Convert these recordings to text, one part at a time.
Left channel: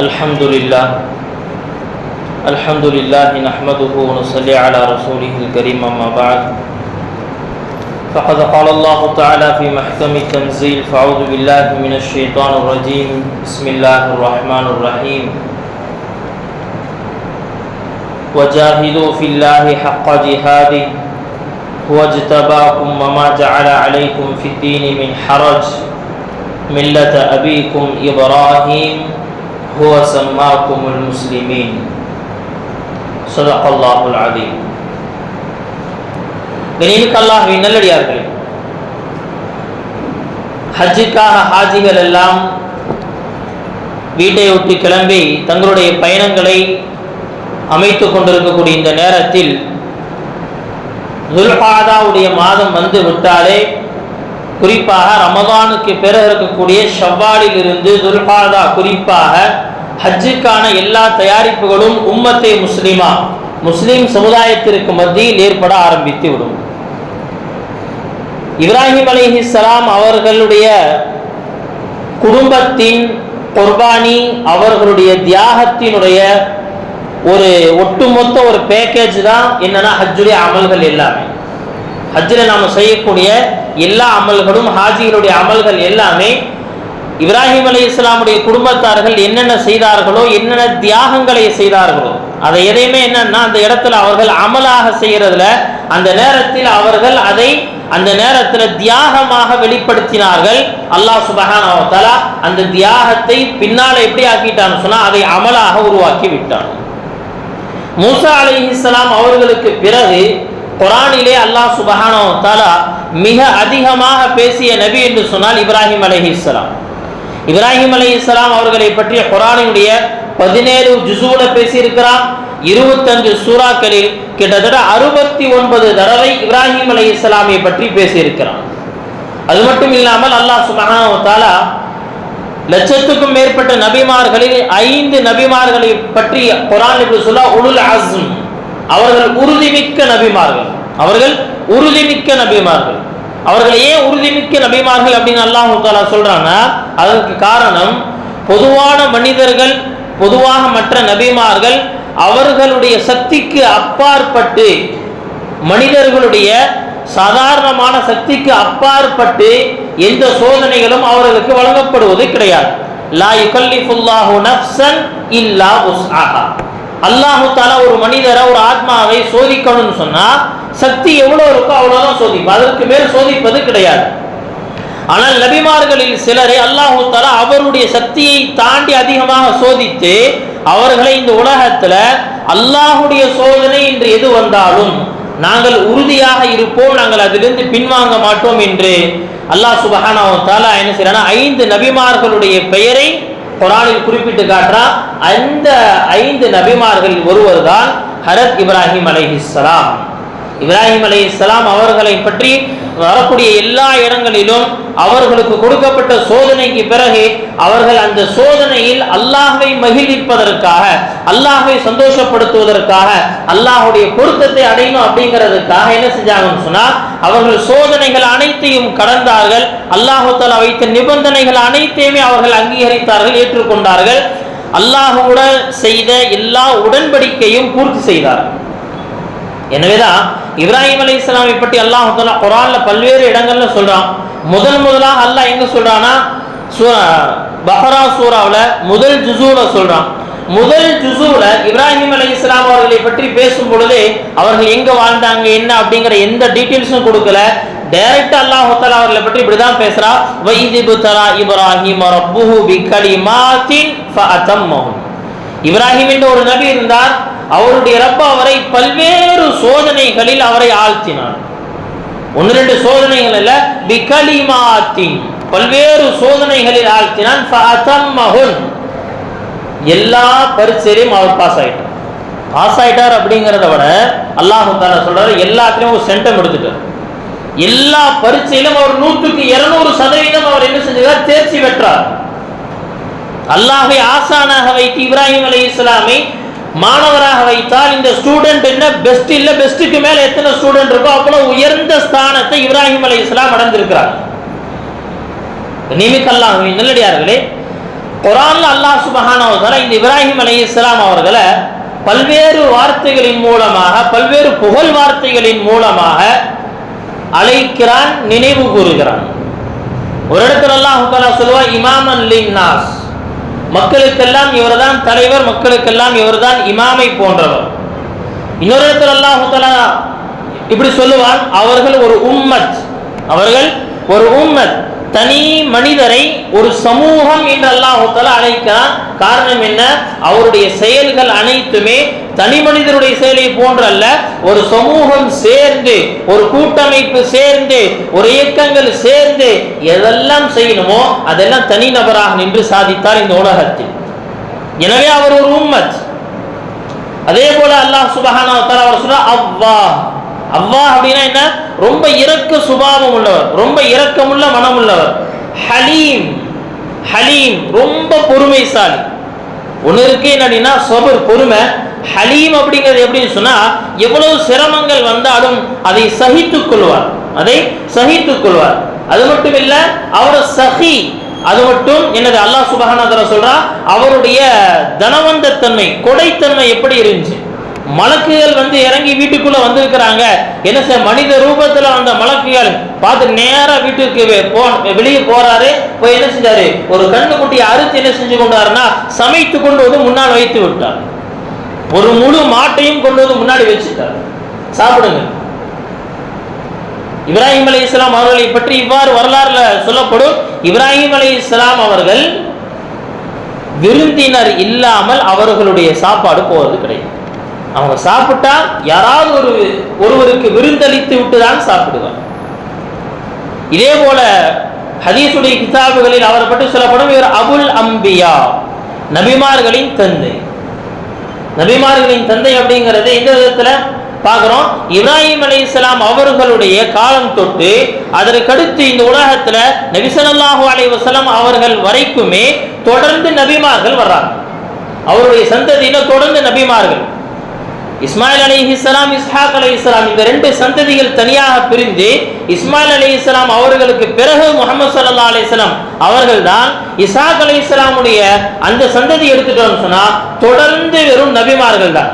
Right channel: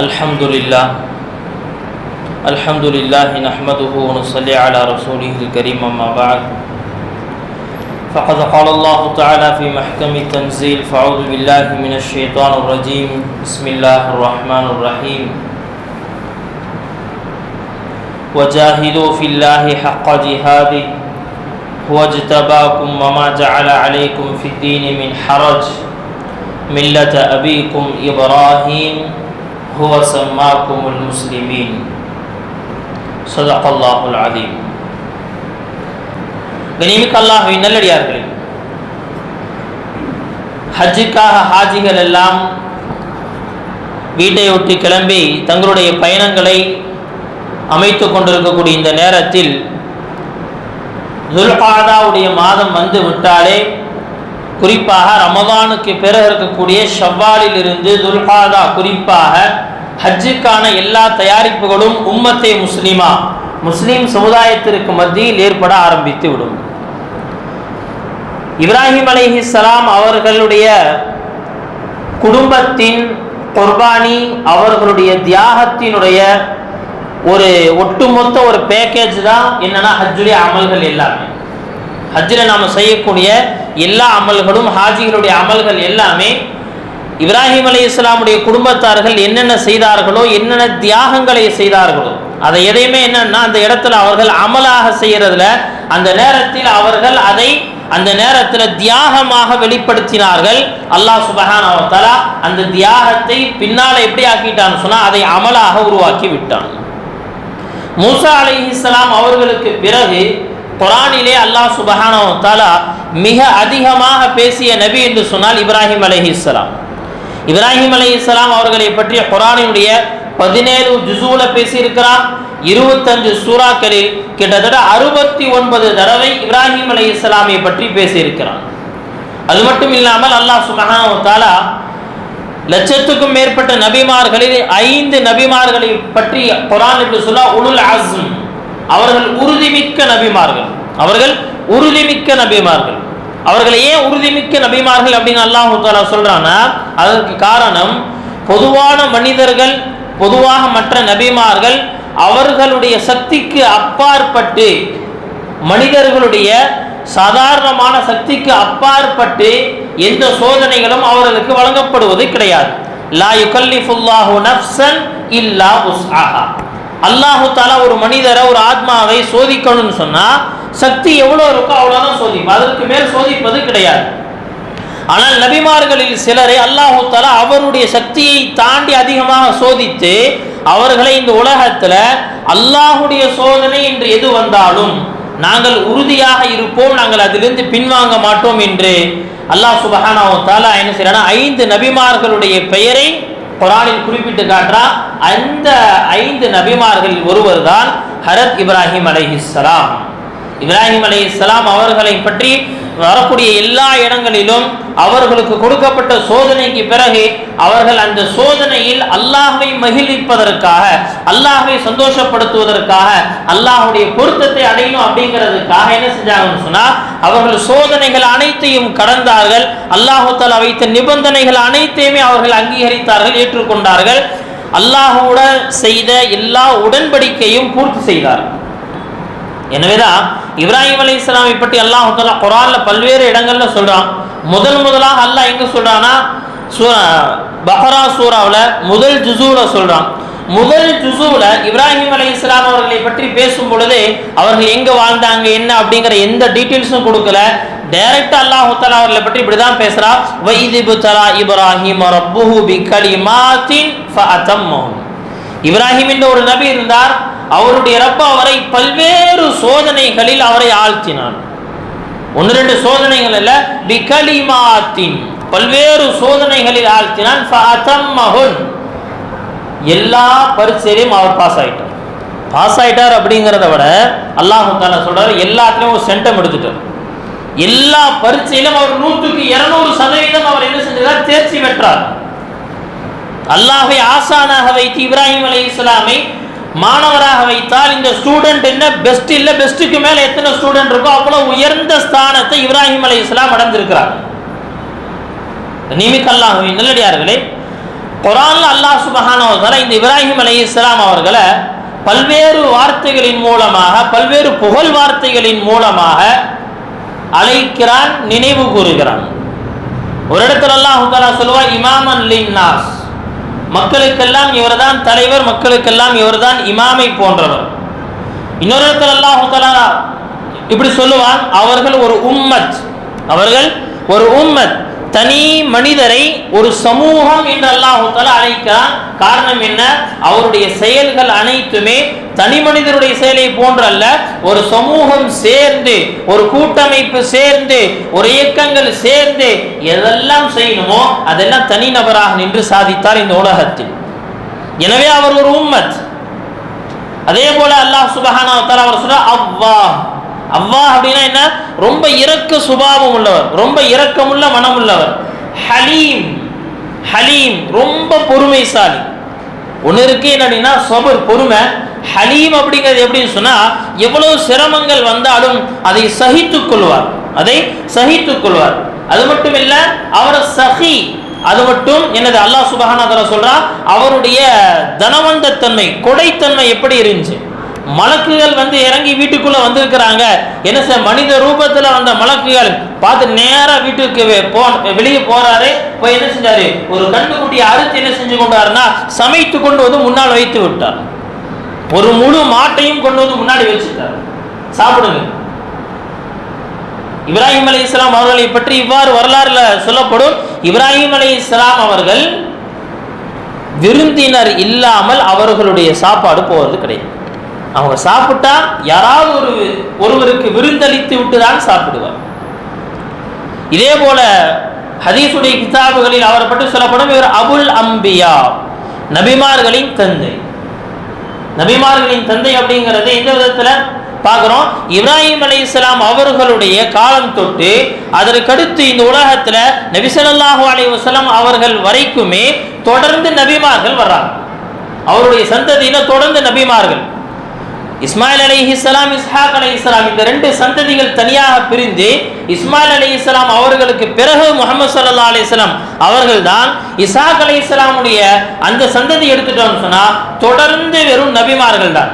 الحمد لله نحمده ونصلي على رسوله الكريم أما بعد فقد قال الله تعالى في محكم التنزيل فأعوذ بالله من الشيطان الرجيم بسم الله الرحمن الرحيم وجاهدوا في الله حق جهاده هو اجتباكم وما جعل عليكم في الدين من حرج ملة أبيكم إبراهيم هو سماكم المسلمين صدق الله العظيم. கனிமிக்க அல்லாஹ்வின் நல்லடியார்களே, ஹஜ்ஜுக்காக ஹாஜிகள் எல்லாம் வீட்டை விட்டு கிளம்பி தங்களுடைய பயணங்களை அமைத்துக் கொண்டிருக்கக்கூடிய இந்த நேரத்தில் துல்காதாவுடைய மாதம் வந்து விட்டாலே, குறிப்பாக ரமதானுக்கு பிறகு இருக்கக்கூடிய ஷவ்வாலில் இருந்து துல்காதா குறிப்பாக ஹஜ்ஜுக்கான எல்லா தயாரிப்புகளும் உம்மத்தே முஸ்லிம் சமுதாயத்திற்கு மத்தியில் ஏற்பட ஆரம்பித்து விடும். இப்ராஹிம் அலைஹிஸ்ஸலாம் அவர்களுடைய குடும்பத்தின் குர்பானி, அவர்களுடைய தியாகத்தினுடைய ஒரு ஒட்டுமொத்த ஒரு பேக்கேஜ் தான் என்னன்னா ஹஜ்ஜுடைய அமல்கள் எல்லாமே. ஹஜ்ஜில் நாம் செய்யக்கூடிய எல்லா அமல்களும், ஹாஜிகளுடைய அமல்கள் எல்லாமே இப்ராஹிம் அலைஹிஸ்ஸலாமுடைய குடும்பத்தார்கள் என்னென்ன செய்தார்களோ, என்னென்ன தியாகங்களை செய்தார்களோ, அதை எதையுமே என்னன்னா அந்த இடத்துல அவர்கள் அமலாக செய்யறதுல அந்த நேரத்தில் அவர்கள் அதை அந்த நேரத்தில் தியாகமாக வெளிப்படுத்தினார்கள். அல்லாஹ் சுப்ஹானஹு வ தஆலா அந்த தியாகத்தை பின்னால் எப்படி ஆக்கிட்டான்னு சொன்னா அதை அமலாக உருவாக்கி விட்டான். மூசா அலைஹிஸ்ஸலாம் அவர்களுக்கு பிறகு குர்ஆனிலே அல்லாஹ் சுப்ஹானஹு வ தஆலா மிக அதிகமாக பேசிய நபி என்று சொன்னால் இப்ராஹிம் அலைஹிஸ்ஸலாம். இப்ராஹிம் அலைஹிஸ்ஸலாம் அவர்களை பற்றி குர்ஆனினுடைய 17 ஜுஸூல பேசியிருக்கிறார். 25 சூறாக்களில் கிட்டத்தட்ட 69 தடவை இப்ராஹிம் அலைஹிஸ்ஸலாமை பற்றி பேசியிருக்கிறார். அது மட்டும் இல்லாமல் அல்லாஹ் சுப்ஹானஹு வ தஆலா லட்சத்துக்கும் மேற்பட்ட நபிமார்களில் 5 நபிமார்களை பற்றி குர்ஆன் இப்படி சொல்ல உலுல் அஸ்ம், அவர்கள் உறுதிமிக்க நபிமார்கள். அவர்களை ஏன் உறுதிமிக்க நபிமார்கள் அப்படின்னு அல்லாஹ் தஆலா சொல்றான்னா, அதற்கு காரணம் பொதுவான மனிதர்கள், பொதுவாக மற்ற நபிமார்கள் அவர்களுடைய சக்திக்கு அப்பாற்பட்டு, மனிதர்களுடைய சாதாரணமான சக்திக்கு அப்பாற்பட்டு எந்த சோதனைகளும் அவர்களுக்கு வழங்கப்படுவது கிடையாது. லா யுகல்லிஃபுல்லாஹு நஃப்ஸன் இல்லா உஸ்ஆஹா. அல்லாஹு தஆலா ஒரு மனிதரை, ஒரு ஆத்மாவை சோதிக்கணும்னு சொன்னா சக்தி எவ்வளவு இருக்கோ அவ்வளவுதான் சோதிப்பது, அதற்கு மேல் சோதிப்பது கிடையாது. ஆனால் நபிமார்களில் சிலரை அல்லாஹு தஆலா அவருடைய சக்தியை தாண்டி அதிகமாக சோதித்து அவர்களை இந்த உலகத்துல அல்லாஹுடைய சோதனை என்று எது வந்தாலும் நாங்கள் உறுதியாக இருப்போம், நாங்கள் அதிலிருந்து பின்வாங்க மாட்டோம் என்று அல்லாஹ் சுப்ஹானஹு வ தஆலா என்ன செய்யறானா 5 நபிமார்களுடைய பெயரை குர்ஆனில் குறிப்பிட்டு காட்டுறான். அந்த 5 நபிமார்களில் ஒருவர் தான் ஹஜ்ரத் இப்ராஹிம் அலைஹிஸ்ஸலாம். இப்ராஹிம் அலைஹிஸ்ஸலாம் அவர்களை பற்றி வரக்கூடிய எல்லா இடங்களிலும் அவர்களுக்கு கொடுக்கப்பட்ட சோதனைக்கு பிறகு அவர்கள் அந்த சோதனையில் அல்லாஹ்வை மகிழ்விப்பதற்காக, அல்லாஹ்வை சந்தோஷப்படுத்துவதற்காக, அல்லாஹ்வுடைய பொருத்தத்தை அடையணும் அப்படிங்கிறதுக்காக என்ன செஞ்சாங்கன்னு சொன்னா அவர்கள் சோதனைகள் அனைத்தையும் கடந்தார்கள். அல்லாஹ் தஆலா வைத்த நிபந்தனைகள் அனைத்தையுமே அவர்கள் அங்கீகரித்தார்கள், ஏற்றுக்கொண்டார்கள். அல்லாஹ்வுடன் செய்த எல்லா உடன்படிக்கையும் பூர்த்தி செய்தார்கள். எனவேதான் இப்ராஹிம் அலைஹிஸ்ஸலாமை பற்றி அல்லாஹ் தஆலா குர்ஆன்ல பல்வேறு இடங்கள்ல சொல்றான். முதலாக அல்லாஹ் எங்க சொல்றானா பக்ரா சூராவுல முதல் ஜுஸூல சொல்றான். முதல் ஜுஸூல இப்ராஹிம் அலைஹிஸ்ஸலாம் அவர்களை பற்றி பேசும் பொழுது அவர்கள் எங்க வாழ்ந்தாங்க என்ன அப்படிங்கிற எந்த டீடைல்ஸும் கொடுக்கல. டைரக்டா அல்லாஹ் தஆலா அவர்களை பற்றி இப்படிதான் பேசுறா. வஇதிபு தரா இப்ராஹிம் ரப்புஹு பிகலிமாத்தின் ஃபஅதம்மஹு. இப்ராஹிம் என்ற ஒரு நபி இருந்தார். அவருடைய ரப்ப அவரை பல்வேறு சோதனைகளில் அவரை ஆழ்த்தினார். 1-2 சோதனைகள் அல்ல, பிகலிமாத்தின் பல்வேறு சோதனைகளில் ஆழ்த்தினான். ஃபஅதம்மஹுன் எல்லா பரீட்சையிலும் அவர் பாஸ் ஆயிட்டார் அப்படிங்கிறத விட அல்லாஹ் தஆலா சொல்றாரு எல்லாத்துலயும் ஒரு சென்டம் எடுத்துட்டார். எல்லா பரீட்சையிலும் அவர் 100க்கு 200% அவர் என்ன செஞ்சார், தேர்ச்சி பெற்றார். அல்லாஹ்வை ஆசானாக வைத்து இப்ராஹிம் அலைஹிஸ்ஸலாமை மாணவராக வைத்தால் இந்த ஸ்டூடெண்ட் என்ன பெஸ்ட் இல்ல, பெஸ்ட்டுக்கு மேல எத்தனை ஸ்டூடெண்ட் இருக்கோ அவ்வளவு உயர்ந்த ஸ்தானத்தை இப்ராஹிம் அலைஹிஸ்ஸலாம் அடைந்திருக்கிறார். நிமிக்கல்லாஹ்வின் நல்லடியார்களே, குர்ஆன்ல அல்லாஹ் சுப்ஹானஹு வ தஆலா இந்த இப்ராஹிம் அலைஹிஸ்ஸலாம் அவர்களை பல்வேறு வார்த்தைகளின் மூலமாக, பல்வேறு புகழ் வார்த்தைகளின் மூலமாக அழைக்கிறான், நினைவு கூறுகிறான். ஒரு இடத்துல அல்லாஹ் தஆலா சொல்லுவான், இமாமன் லின்னாஸ், மக்களுக்கெல்லாம் இவர்தான் தலைவர், மக்களுக்கெல்லாம் இவர்தான் இமாமை போன்றவர். இன்னொரு இடத்துல அல்லாஹ் தஆலா இப்படி சொல்லுவான், அவர்கள் ஒரு உம்மத், அவர்கள் ஒரு உம்மத், தனி மனிதரை ஒரு சமூகம் என்று அல்லாஹ் தஆலா அழைக்கிறான். காரணம் என்ன? அவருடைய செயல்கள் அனைத்துமே தனி மனிதருடைய செயலை போன்றல்ல, ஒரு சமூகம் சேர்ந்து, ஒரு கூட்டமைப்பு சேர்ந்து, ஒரு இயக்கங்கள் சேர்ந்து எதெல்லாம் செய்யணுமோ அதெல்லாம் தனி நபராக நின்று சாதித்தார் இந்த உலகத்தில். எனவே அவர் ஒரு உம்மத். அதே போல அல்லாஹ் சுப்ஹானஹு வ தஆலா அவர் சொல்ற அல்லாஹ், அல்லாஹ் அப்படின்னா என்ன? ரொம்ப இரக்க சுபாவம் உள்ளவர், ரொம்ப இரக்கமுள்ள மனம் உள்ளவர். ஹலீம், ஹலீம் ரொம்ப பொறுமைசாலி. ஒன்று இருக்கு என்னன்னா சபர், பொறுமை. ஹலீம் அப்படிங்கிறது எப்படின்னு சொன்னா, எவ்வளவு சிரமங்கள் வந்தாலும் அதை சகித்துக் கொள்வார், அதை சகித்துக் கொள்வார். அது மட்டும் இல்ல, அவர் சஹி, அது மட்டும் என்னது அல்லாஹ் சுப்ஹானஹு வ தஆலா சொல்றான், அவருடைய தனவந்த தன்மை, கொடைத்தன்மை எப்படி இருந்துச்சு. மலக்குகள் இறங்கி வீட்டுக்குள்ள வந்திருக்கிறாங்க. என்ன சார், மனித ரூபத்துல வந்த மலக்குகள் பார்த்து நேரா வீட்டுக்கு வெளியே போறாரு. போய் என்ன செஞ்சாரு, ஒரு கண்ணுக்குட்டியை அறுத்து என்ன செஞ்சு கொண்டாருன்னா சமைத்து கொண்டு வந்து முன்னால் வைத்து விட்டார். ஒரு முழு மாட்டையும் கொண்டு வந்து முன்னாடி வச்சுட்டார், சாப்பிடுங்க. இப்ராஹிம் அலைஹிஸ்ஸலாம் அவர்களை பற்றி இவ்வாறு வரலாறுல சொல்லப்படும், இப்ராஹிம் அலைஹிஸ்ஸலாம் அவர்கள் விருந்தினர் இல்லாமல் அவர்களுடைய சாப்பாடு போவது கிடையாது. அவங்க சாப்பிட்டா யாராவது ஒருவருக்கு விருந்தளித்து விட்டுதான் சாப்பிடுவார். இதே போல ஹதீஸுடைய கிதாபுகளில் அவரை பற்றி சொல்லப்படும், இவர் அபுல் அம்பியா, நபிமார்களின் தந்தை. நபிமார்களின் தந்தை அப்படிங்கிறது இந்த விதத்துல பார்க்கிறோம். இப்ராஹிம் அலைஹிஸ்ஸலாம் அவர்களுடைய காலம் தொட்டு அதற்கடுத்து இந்த உலகத்துல நபி ஸல்லல்லாஹு அலைஹி வஸல்லம் அவர்கள் வரைக்குமே தொடர்ந்து நபிமார்கள் வர்றாங்க. அவருடைய சந்ததியில தொடர்ந்து நபிமார்கள், இஸ்மாயில் அலைஹிஸ்ஸலாம், இஸ்ஹாக் அலைஹிஸ்ஸலாம், இந்த ரெண்டு சந்ததிகள் தனியாக பிரிந்து இஸ்மாயில் அலைஹிஸ்ஸலாம் அவர்களுக்கு பிறகு முஹம்மது ஸல்லல்லாஹு அலைஹி வஸல்லம் அவர்கள் தான் இஸ்ஹாக் அலைஹிஸ்ஸலாமுடைய அந்த சந்ததி எடுத்துட்டோம்னு சொன்னா தொடர்ந்து வெறும் நபிமார்கள் தான்.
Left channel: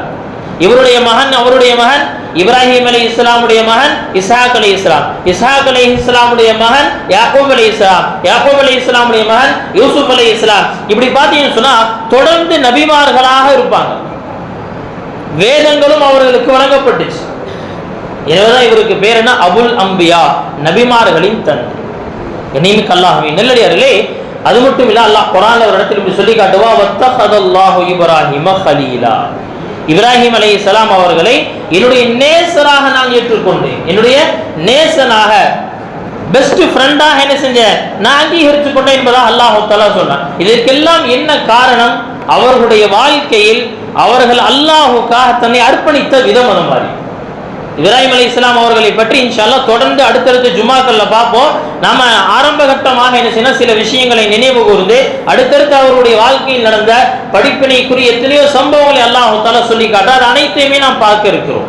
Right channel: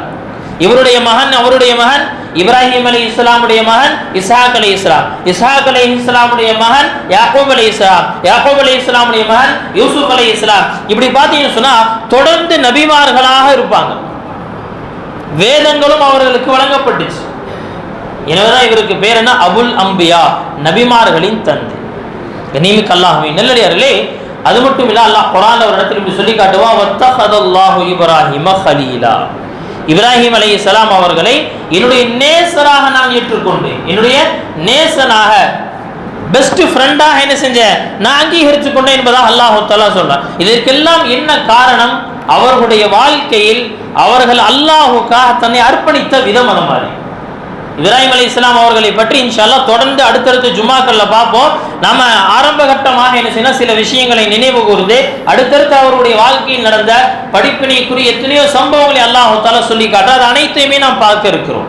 இவருடைய மகன், அவருடைய மகன் இப்ராஹிம் அலைஹிஸ்ஸலாமுடைய மகன் இஸ்ஹாக் அலைஹிஸ்ஸலாம், இஸ்ஹாக் அலைஹிஸ்ஸலாமுடைய மகன் யாக்கூப் அலைஹிஸ்ஸலாம், யாக்கூப் அலைஹிஸ்ஸலாமுடைய மகன் யூசுப் அலைஹிஸ்ஸலாம். இப்படி பார்த்தீங்கன்னு சொன்னா தொடர்ந்து நபிமார்களாக இருப்பாங்க. வேதங்களும் அவர்களுக்கு வழங்கப்பட்டுச்சு. எனவேதான் இவருக்கு பேர் என்ன, அபுல் அம்பியா, நபிமார்களின் தந்தை. கண்ணியமிக்க அல்லாஹ்வின் நல்லடியார்களே, அது மட்டும் இல்ல, அல்லாஹ் குர்ஆன்ல ஒரு இடத்துல இப்படி சொல்லி காட்டுவா, வத்தஹதல்லாஹு இப்ராஹிம கலீலா, இப்ராஹிம் அலைஹிஸ்ஸலாம் அவர்களை என்னுடைய நேசராக நான் ஏற்றுக்கொண்டேன், என்னுடைய நேசனாக, பெஸ்ட் ஃப்ரெண்டாக என்ன செஞ்சேன், நான் அங்கீகரித்துக் கொண்டேன் என்பதாக அல்லாஹ் தஆலா சொல்றான். இதற்கெல்லாம் என்ன காரணம்? அவர்களுடைய வாழ்க்கையில் அவர்கள் அல்லாஹுக்காக தன்னை அர்ப்பணித்த விதம். அந்த மாதிரி இப்ராஹிம் அலைஹிஸ்ஸலாம் அவர்களை பற்றி இன்ஷா அல்லாஹ் தொடர்ந்து அடுத்தடுத்த ஜுமாக்கள்ல பார்ப்போம். நாம ஆரம்ப கட்டமாக என்ன செய்யணும், சில விஷயங்களை நினைவு கூர்ந்து அடுத்தடுத்து அவருடைய வாழ்க்கையில் நடந்த படிப்பினைக்குரிய எத்தனையோ சம்பவங்களை அல்லாஹ் தஆலா சொல்லி காட்டுறார். அது அனைத்தையுமே நாம் பார்க்க இருக்கிறோம்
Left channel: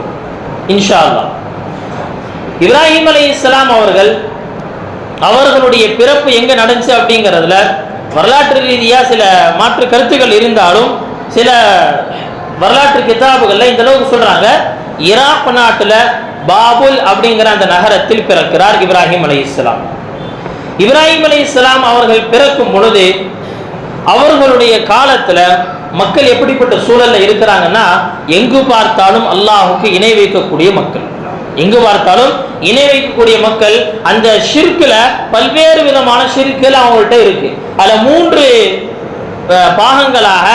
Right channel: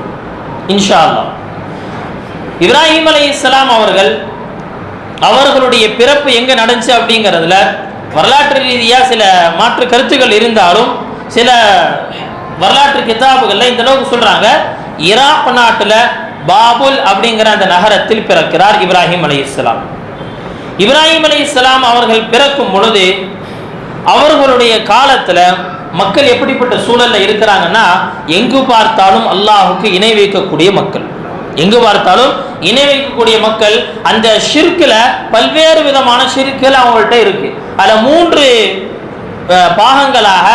இன்ஷா அல்லாஹ். இப்ராஹிம் அலைஹிஸ்ஸலாம் அவர்களுடைய பிறப்பு எங்க நடந்துச்சு அப்படிங்கிறதுல வரலாற்று ரீதியாக சில மாற்று கருத்துக்கள் இருந்தாலும் சில வரலாற்று கிதாபுகள்ல இந்த அளவுக்கு சொல்றாங்க, ஈராக் நாட்டுல பாபுல் அப்படிங்கிற அந்த நகரத்தில் பிறக்கிறார் இப்ராஹிம் அலைஹிஸ்ஸலாம். இப்ராஹிம் அலைஹிஸ்ஸலாம் அவர்கள் பிறக்கும் பொழுது அவர்களுடைய காலத்துல மக்கள் எப்படிப்பட்ட சூழல்ல இருக்கிறாங்கன்னா, எங்கு பார்த்தாலும் அல்லாஹுக்கு இணை வைக்கக்கூடிய மக்கள், எங்கு பார்த்தாலும் இணை வைக்கக்கூடிய மக்கள். அந்த ஷிர்க்ல பல்வேறு விதமான ஷிர்க்கள் அவங்கள்ட்ட இருக்கு. அதுல 3 பாகங்களாக,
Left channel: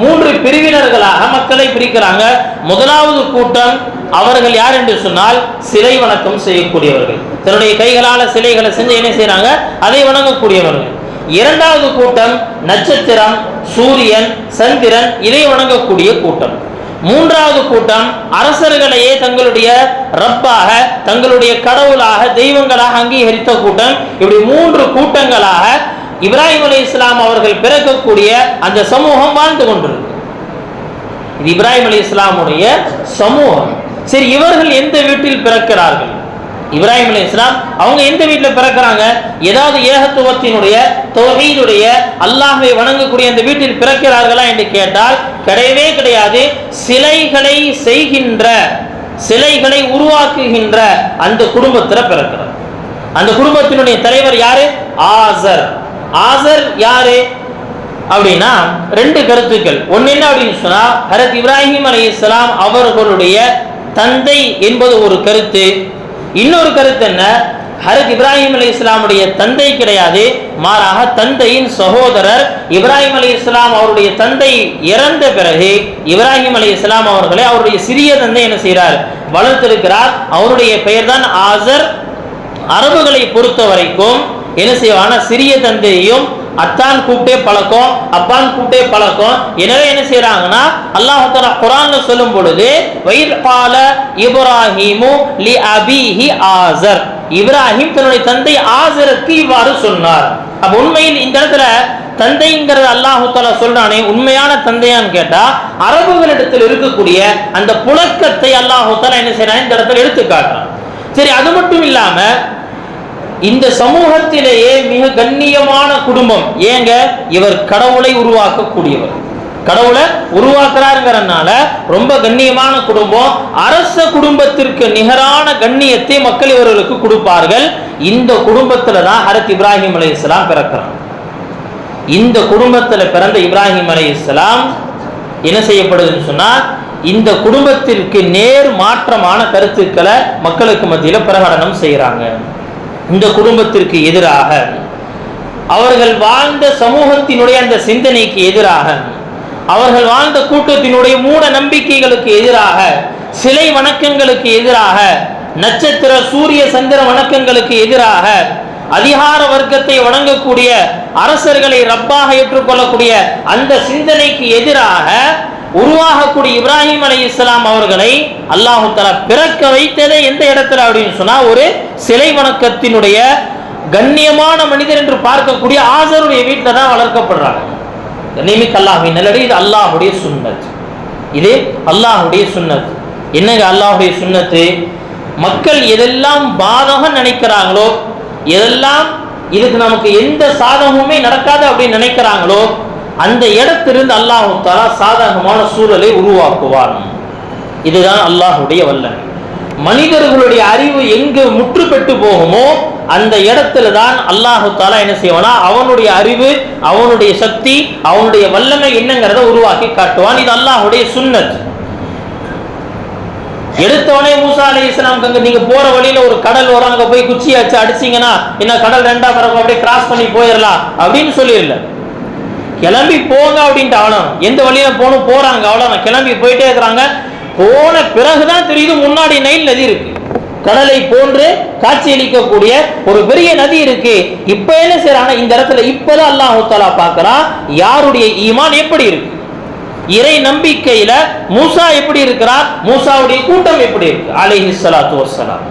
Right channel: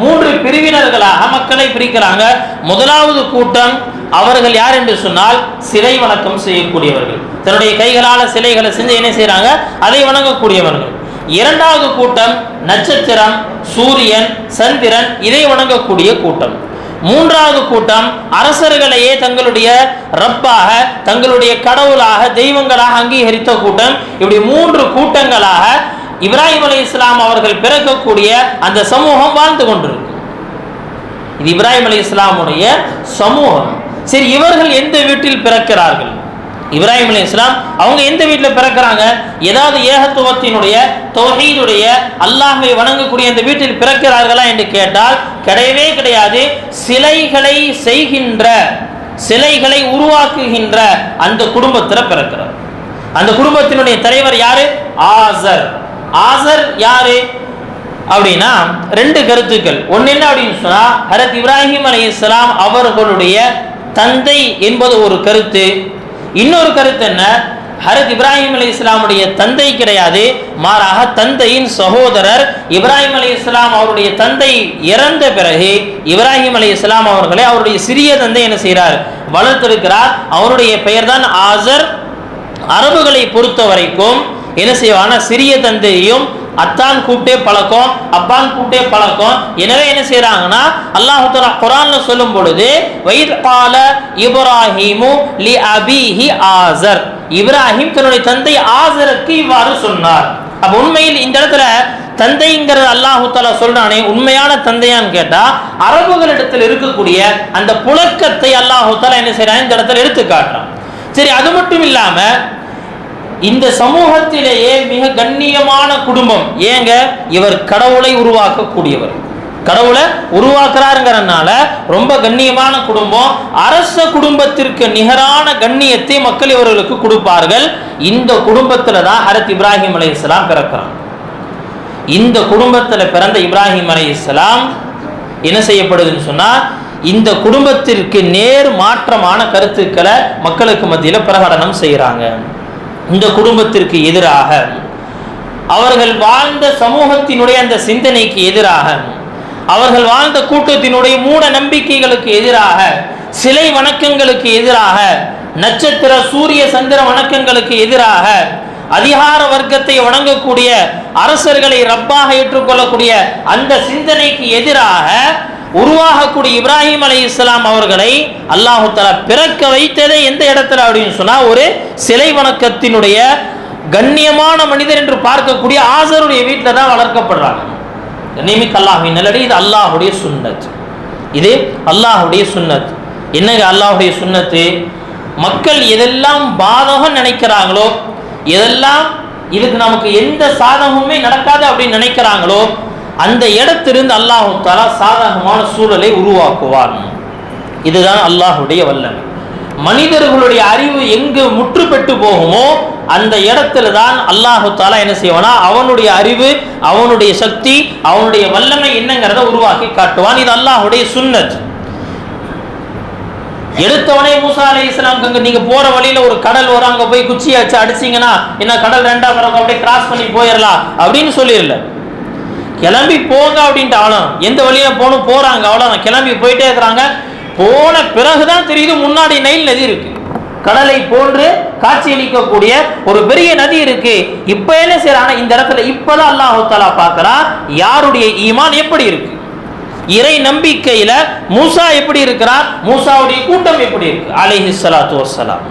3 பிரிவினர்களாக மக்களை பிரிக்கிறாங்க. முதலாவது கூட்டம் அவர்கள் யார் என்று சொன்னால் சிலை வணக்கம் செய்யக்கூடியவர்கள், தன்னுடைய கைகளால் சிலைகளை செஞ்சு என்ன செய்யறாங்க, அதை வணங்கக்கூடியவர்கள். இரண்டாவது கூட்டம் நட்சத்திரம், சூரியன், சந்திரன், இதை வணங்கக்கூடிய கூட்டம். மூன்றாவது கூட்டம் அரசர்களையே தங்களுடைய ரப்பாக, தங்களுடைய கடவுளாக, தெய்வங்களாக அங்கீகரித்த கூட்டம். இப்படி 3 கூட்டங்களாக இப்ராஹிம் அலைஹிஸ்ஸலாம் அவர்கள் பிறக்கக்கூடிய அந்த சமூகம் வாழ்ந்து கொண்டிருக்கு. இது இப்ராஹிம் அலைஹிஸ்ஸலாமுடைய சமூகம். சரி, இவர்கள் எந்த வீட்டில் பிறக்கிறார்கள்? இப்ராஹிம் அலைஹிஸ்ஸலாம் அவங்க எந்த வீட்டில் பிறக்கிறாங்க? ஏதாவது ஏகத்துவத்தினுடைய தௌஹீதுடைய அல்லாஹ்வை வணங்கக்கூடிய இந்த வீட்டில் பிறக்கிறார்களா என்று கேட்டால் கிடையவே கிடையாது. சிலைகளை செய்கின்ற, சிலைகளை உருவாக்குகின்ற அந்த குடும்பத்தில் பிறக்கிறார். அந்த குடும்பத்தினுடைய தலைவர் யாரு? ஆசர். ஆசர் யாரு அப்படின்னா ரெண்டு கருத்துக்கள். ஒன்னு என்ன அப்படின்னு சொன்னா, ஹஜ்ரத் இப்ராஹிம் அலைஹிஸ்ஸலாம் அவர்களுடைய தந்தை என்பது ஒரு கருத்து. இன்னொரு கருத்து என்ன, ஹஜ்ரத் இப்ராஹிம் அலைஹிஸ்ஸலாமுடைய தந்தை கிடையாது, மாறாக தந்தையின் சகோதரர். இப்ராஹிம் அலைஹிஸ்ஸலாம் அவருடைய தந்தை இறந்த பிறகு இப்ராஹிம் அலைஹிஸ்ஸலாம் அவர்களை அவருடைய சிறிய தந்தை என்ன செய்கிறார்? வளர்த்திருக்கிறார். அவருடைய பெயர் தான் ஆசர். அரபுகளை பொறுத்த வரைக்கும் என்ன செய்வான, சிறிய தந்தையையும் அத்தான் கூப்பிட்டே பழக்கம், அப்பான் கூப்பிட்டே பழக்கம். எனவே என்ன செய்யறாங்கன்னா, அல்லாஹ் தஆலா குர்ஆன்ல சொல்லும் பொழுது வைத் கால இப்ராஹீமு லி அபீஹி ஆசர், இப்ராஹிம் தன்னுடைய தந்தை ஆசருக்கு இவ்வாறு சொன்னார். அப்ப உண்மையில் இந்த இடத்துல தந்தைங்கிறது அல்லாஹ் தஆலா சொல்றானே, உண்மையான தந்தையான்னு கேட்டா அரபுகளிடத்தில் இருக்கக்கூடிய அந்த புழக்கத்தை அல்லாஹ் தஆலா என்ன செய்யறான், இந்த இடத்துல எடுத்து காட்டுறான். சரி, அது மட்டும் இல்லாம இந்த சமூகத்திலேயே மிக கண்ணியமான குடும்பம். ஏங்க, இவர் கடவுளை உருவாக்கக்கூடியவர், கடவுளை உருவாக்குறாருங்கிறதுனால ரொம்ப கண்ணியமான குடும்பம். அரச குடும்பத்திற்கு நிகரான கண்ணியத்தை மக்கள் இவர்களுக்கு கொடுப்பார்கள். இந்த குடும்பத்துல தான் ஹஜ்ரத் இப்ராஹிம் அலைஹிஸ்ஸலாம் பிறக்கிறார். இந்த குடும்பத்தில் பிறந்த இப்ராஹிம் அலைஹிஸ்ஸலாம் என்ன செய்யப்படுதுன்னு சொன்னா, இந்த குடும்பத்திற்கு நேர் மாற்றமான கருத்துக்களை மக்களுக்கு மத்தியில் பிரகடனம் செய்கிறாங்க. இந்த குடும்பத்திற்கு எதிராக, அவர்கள் வாழ்ந்த சமூகத்தினுடைய அந்த சிந்தனைக்கு எதிராக, அவர்கள் வாழ்ந்த கூட்டத்தினுடைய மூட நம்பிக்கைகளுக்கு எதிராக, சிலை வணக்கங்களுக்கு எதிராக, நட்சத்திர சூரிய சந்திர வணக்கங்களுக்கு எதிராக, அதிகார வர்க்கத்தை வணங்கக்கூடிய அரசர்களை ரப்பாக ஏற்றுக்கொள்ளக்கூடிய அந்த சிந்தனைக்கு எதிராக உருவாகக்கூடிய இப்ராஹிம் அலைஹிஸ்ஸலாம் அவர்களை அல்லாஹ் தஆலா பிறக்க வைத்ததே எந்த இடத்துல அப்படின்னு சொன்னா, ஒரு சிலை வணக்கத்தினுடைய கண்ணியமான மனிதர் என்று பார்க்கக்கூடிய ஆசருடைய வீட்டில் தான் வளர்க்கப்படுறாங்க. கண்ணியமிக்க அல்லாஹ்வின் நல்லடி, இது அல்லாஹ்வுடைய சுன்னத். இது அல்லாஹ்வுடைய சுன்னத். என்னங்க அல்லாஹ்வுடைய சுன்னத்து? மக்கள் எதெல்லாம் பாதகம் நினைக்கிறாங்களோ, எதெல்லாம் இதுக்கு நமக்கு எந்த சாதகமுமே நடக்காது அப்படின்னு நினைக்கிறாங்களோ, அந்த இடத்திலிருந்து அல்லாஹ் தஆலா சாதகமான சூழலை உருவாக்குவார். இதுதான் அல்லாஹ்வுடைய வல்லமை. மனிதர்களுடைய அறிவு எங்கு முற்று பெற்று போகுமோ அந்த இடத்துல தான் அல்லாஹ் தஆலா என்ன செய்வானா, அவனுடைய அறிவு, அவனுடைய சக்தி, அவனுடைய வல்லமை என்னங்கிறத உருவாக்கி காட்டுவான். இது அல்லாஹ்வுடைய சுன்னத். எடுத்தவனே மூசா அலைஹிஸ்ஸலாம் நீங்க போற வழியில ஒரு கடல் வரும், அங்க போய் குச்சியை வச்சு அடிச்சீங்கன்னா என்ன கடல் ரெண்டா பிறகு அப்படியே கிராஸ் பண்ணி போயிடலாம் அப்படின்னு சொல்லிடல. கிளம்பி போங்க அப்படின்ட்டு அவ்வளோ, எந்த வழியில போகணும் போறாங்க, அவ்வளோ கிளம்பி போயிட்டே இருக்கிறாங்க. போன பிறகுதான் தெரியுது முன்னாடி நைல் நதி இருக்கு, கடலை போன்று காட்சியளிக்கக்கூடிய ஒரு பெரிய நதி இருக்கு. இப்ப என்ன செய்யறாங்க, இந்த இடத்துல இப்பதான் அல்லாஹ் தஆலா பார்க்கறான் யாருடைய ஈமான் எப்படி இருக்கு, இறை நம்பிக்கையில மூசா எப்படி இருக்கிறார், மூசாவுடைய கூட்டம் எப்படி இருக்கு அலைஹிஸ்ஸலாத்து வஸ்ஸலாம்.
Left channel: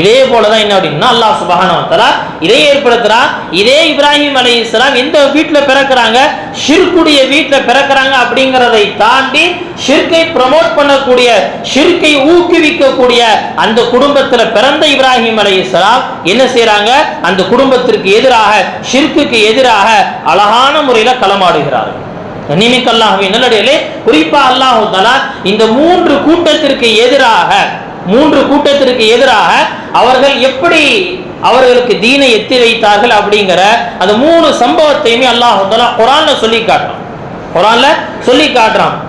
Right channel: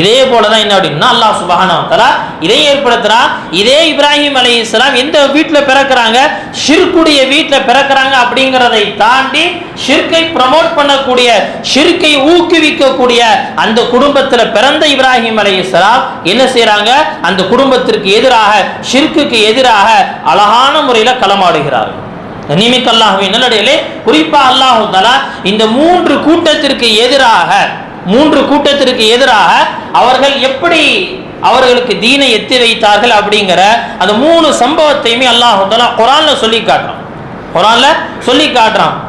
இதே போலதான் என்ன அப்படின்னா அல்லாஹ் சுப்ஹானஹு வ தஆலா இதை ஏற்படுத்துறான். இதே இப்ராஹிம் அலைஹிஸ்ஸலாம் எந்த வீட்டுல பிறக்கிறாங்க, ஷிர்க்குடைய வீட்டுல பிறக்கிறாங்க. அப்படிங்கிறதை தாண்டி ஷிர்கை ப்ரமோட் பண்ணக்கூடிய, ஷிர்கை ஊக்குவிக்கக்கூடிய அந்த குடும்பத்துல பிறந்த இப்ராஹிம் அலைஹிஸ்ஸலாம் என்ன செய்யறாங்க, அந்த குடும்பத்திற்கு எதிராக, ஷிர்க்குக்கு எதிராக அழகான முறையில களமாடுகிறார்கள். கண்ணியமிக்க அல்லாஹ்வின் நல்லடியார்களே, குறிப்பா அல்லாஹ் தஆலா இந்த மூன்று கூட்டத்திற்கு எதிராக அவர்கள் எப்படி அவர்களுக்கு தீனை எத்தி வைத்தார்கள் அப்படிங்கிற அந்த மூணு சம்பவத்தையுமே அல்லாஹ் தஆலா குர்ஆன்ல சொல்லி காட்டுறான்.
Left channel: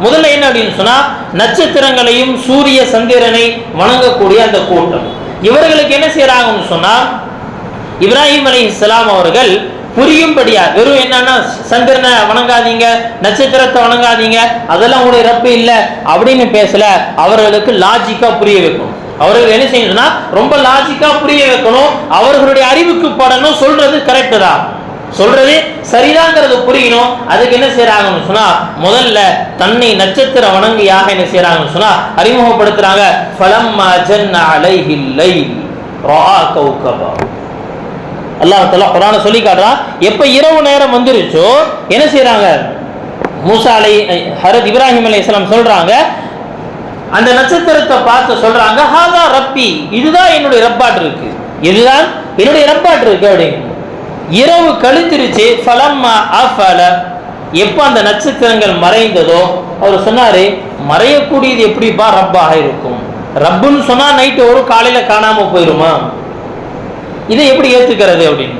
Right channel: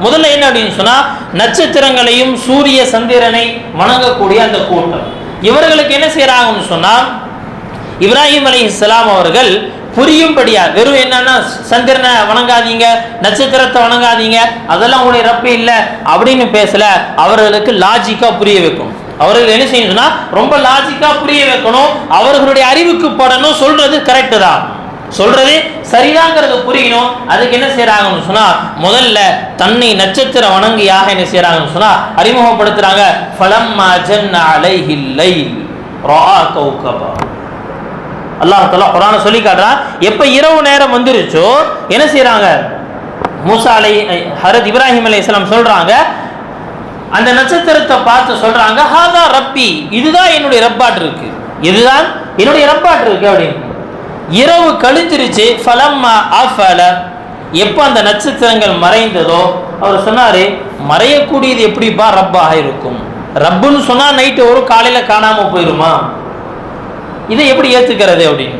முதல்ல என்ன அப்படின்னு சொன்னா, நட்சத்திரங்களையும் சூரிய சந்திரனை வணங்கக்கூடிய அந்த கூட்டம், இவர்களுக்கு என்ன செய்யறாங்கன்னு சொன்னா, இப்ராஹிம் அலைஹிஸ்ஸலாம் அவர்கள் புரியும்படியா, வெறும் என்னன்னா சந்திரனை வணங்காதீங்க, நட்சத்திரத்தை வணங்காதீங்க, அதெல்லாம் உங்களுடைய ரப்பு இல்லை அப்படின்னு பேசல. அவர்களுக்கு லாஜிக்கா புரிய வைக்கணும். அவர்கள் என்ன செய்யணும்னா ரொம்ப லாஜிக்கா புரிய வைக்கணும். அவர்களுடைய அறிவுக்கு படணும். சொல்றது கரெக்டு தான், சொல்றது சரிதாங்கிறது புரியணும். அதுக்கு என்ன செய்யறாங்கன்னு சொன்னா, முதல்ல தன்னை நட்சத்திர வணங்கியாக என்ன செய்யறாங்கன்னு சொன்னா அறிமுகப்படுத்துறாங்க. ஃபலம்மா ஜன்ன அலைஹில் லைல் ரஆ கௌகபா. அல்லாஹ் தஆலா குர்ஆனை சொல்லி காட்டுறா, எப்ப இரவு நேரம் வந்துருச்சோ என்ன செய்யறாங்க, மூசா ஹஜ்ரத் இப்ராஹிம் அலைஹிஸ்ஸலாம் சொல்றாங்க, அந்த நட்சத்திரத்தை பார்த்து சொல்றாங்க, ஹாதா ரப்பி, இதுதான் என்னுடைய ரப்பாட் இருக்கு, இதுதான் என்னுடைய ரப்பாட் இருக்கு அப்படின்னு. இரவு கழிஞ்சிருச்சு. ஃபலம்மா அஃபல, எப்போ அந்த நட்சத்திரங்கள் மறைந்ததோ அவர் சொன்னாரு, மறையக்கூடியது எப்படிப்பா ரப்பாக இருக்கும்? ரப்புன்னு சொன்னா நைட்டு ஒரு காலையில காணாம போயிருமா? இதை எப்படி ஏத்துக்கிறது அப்படின்னு.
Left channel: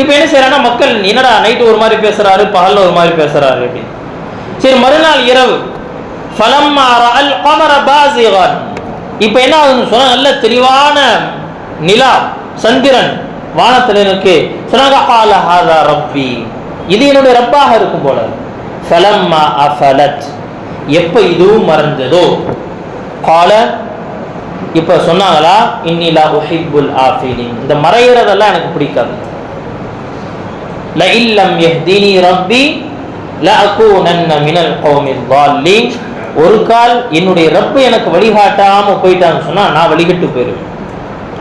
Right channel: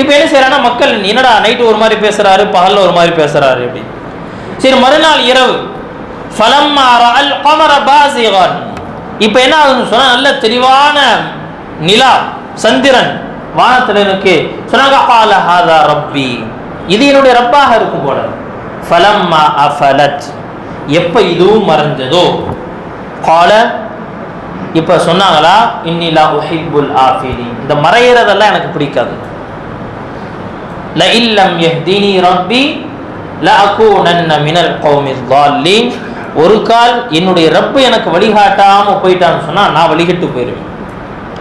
இப்ப என்ன செய்யறாங்கன்னா மக்கள், என்னடா நைட்டு ஒரு மாதிரி பேசுறாரு, பகல்ல ஒரு மாதிரி பேசுறாரு அப்படின்னு. சரி, மறுநாள் இரவு ஃபலம்மா ரஅல் கமர பாஸிகன், இப்ப என்ன ஆகுதுன்னு சொன்னா நல்ல தெளிவான நிலா சந்திரன் வானத்துல இருக்கு. சொன்னாங்க கால ஹாதா ரப்பி, இது என்னுடைய ரப்பாக இருக்கும் போல. ஃபலம்மா அஃபலத், எப்ப இதுவும் மறைஞ்சதோ, கால, இப்ப சொன்னாங்களா, இன்னி லா உஹிப்புல் ஆஃபிலின், இந்த மறையறதெல்லாம் எனக்கு பிடிக்காது. ல இல்லம் யஹ்தினி ரப்பி லஅகூனன்ன மினல் கௌமில் ضالين, ஒரு கால் என்னுடைய ரப்பு எனக்கு வழிகாட்டாம போயிட்டான்னு சொன்னா நான் வழிகட்டு போயிடுவேன்,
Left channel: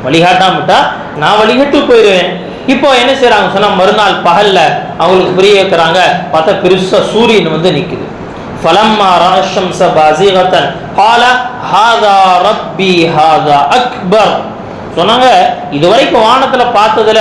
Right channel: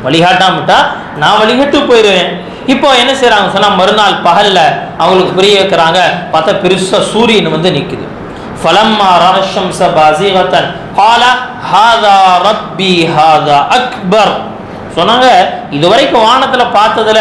வழிகாட்டாமட்டா நான் வழிகட்டு போயிடுவேன். இப்போ என்ன செய்யறாங்க சொன்னா மறுநாள் பகல்ல அவங்களுக்கு புரிய வைக்கிறாங்க. பார்த்தா பெருசா சூரியன் வந்து நிக்குது. ஃபலம்மா ரஅ ஷம்ஸ பாஸிகத்தன் قال ஹாதா ரப்பி ஹாதா அக்பர், சொன்னாங்க இதுவரைக்கும் வானத்துல பார்த்ததுல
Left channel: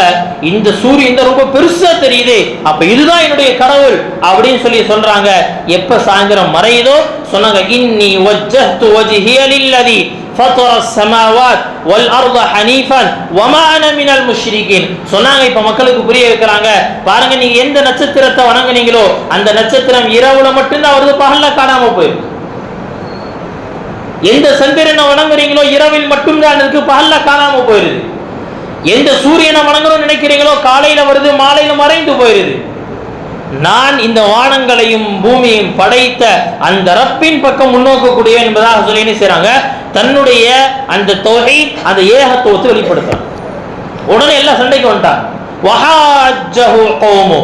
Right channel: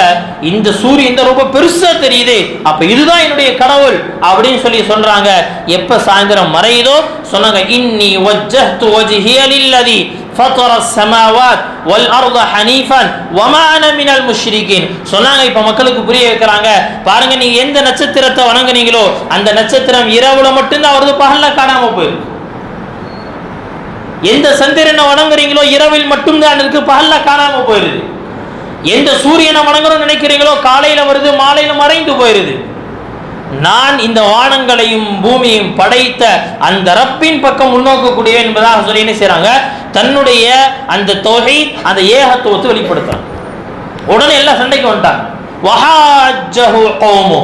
இந்த சூரியன் இந்த ரொம்ப பெருசா தெரியுது, அப்ப இதுதான் என்னுடைய கடவுள் அப்படின்னு சொல்லி சொல்றாங்க. எப்ப சாயந்தரம் மறையுதோ சொன்னாங்க, இன்னி வஜ்ஜஹ்து வஜ்ஹிய லில்லதி ஃபதர ஸமாவாத் வல் அர்த ஹனீஃபன் வமா அன மினல் முஷ்ரிகீன். சொன்னாங்க, இப்ப மக்களுக்கு புரிய வைக்கிறாங்க, பாருங்க நீங்க எந்த நட்சத்திரத்தை வணங்குனீங்களோ அந்த நட்சத்திரம் இரவுல மட்டும்தான் வருது, பகல்ல காணாம போயிருக்கு. எந்த சந்திரனை வணங்குறீங்களோ இரவில் மட்டும்தான் இருக்கு, பகல்ல காணாம போயிருது. எந்த சூரியனை வணங்கணும்னு நினைக்கிறீங்களோ காலையில வருது, மாலையில மறைந்து போயிருது. நான் இந்த வானங்களையும் பூமியையும் படைத்த அந்த ரப்பின் பக்கம் முன்னோக்கக்கூடிய என்பதாக சொல்லி என்ன செய்றாங்க, தன்னுடைய அந்த தௌஹீத், அந்த ஏகத்துவத்தை வெளிப்படுத்துறாங்க. உடனே எல்லாம் சண்டைக்கு வந்துட்டாங்க. வஹாஜஹு கௌமு,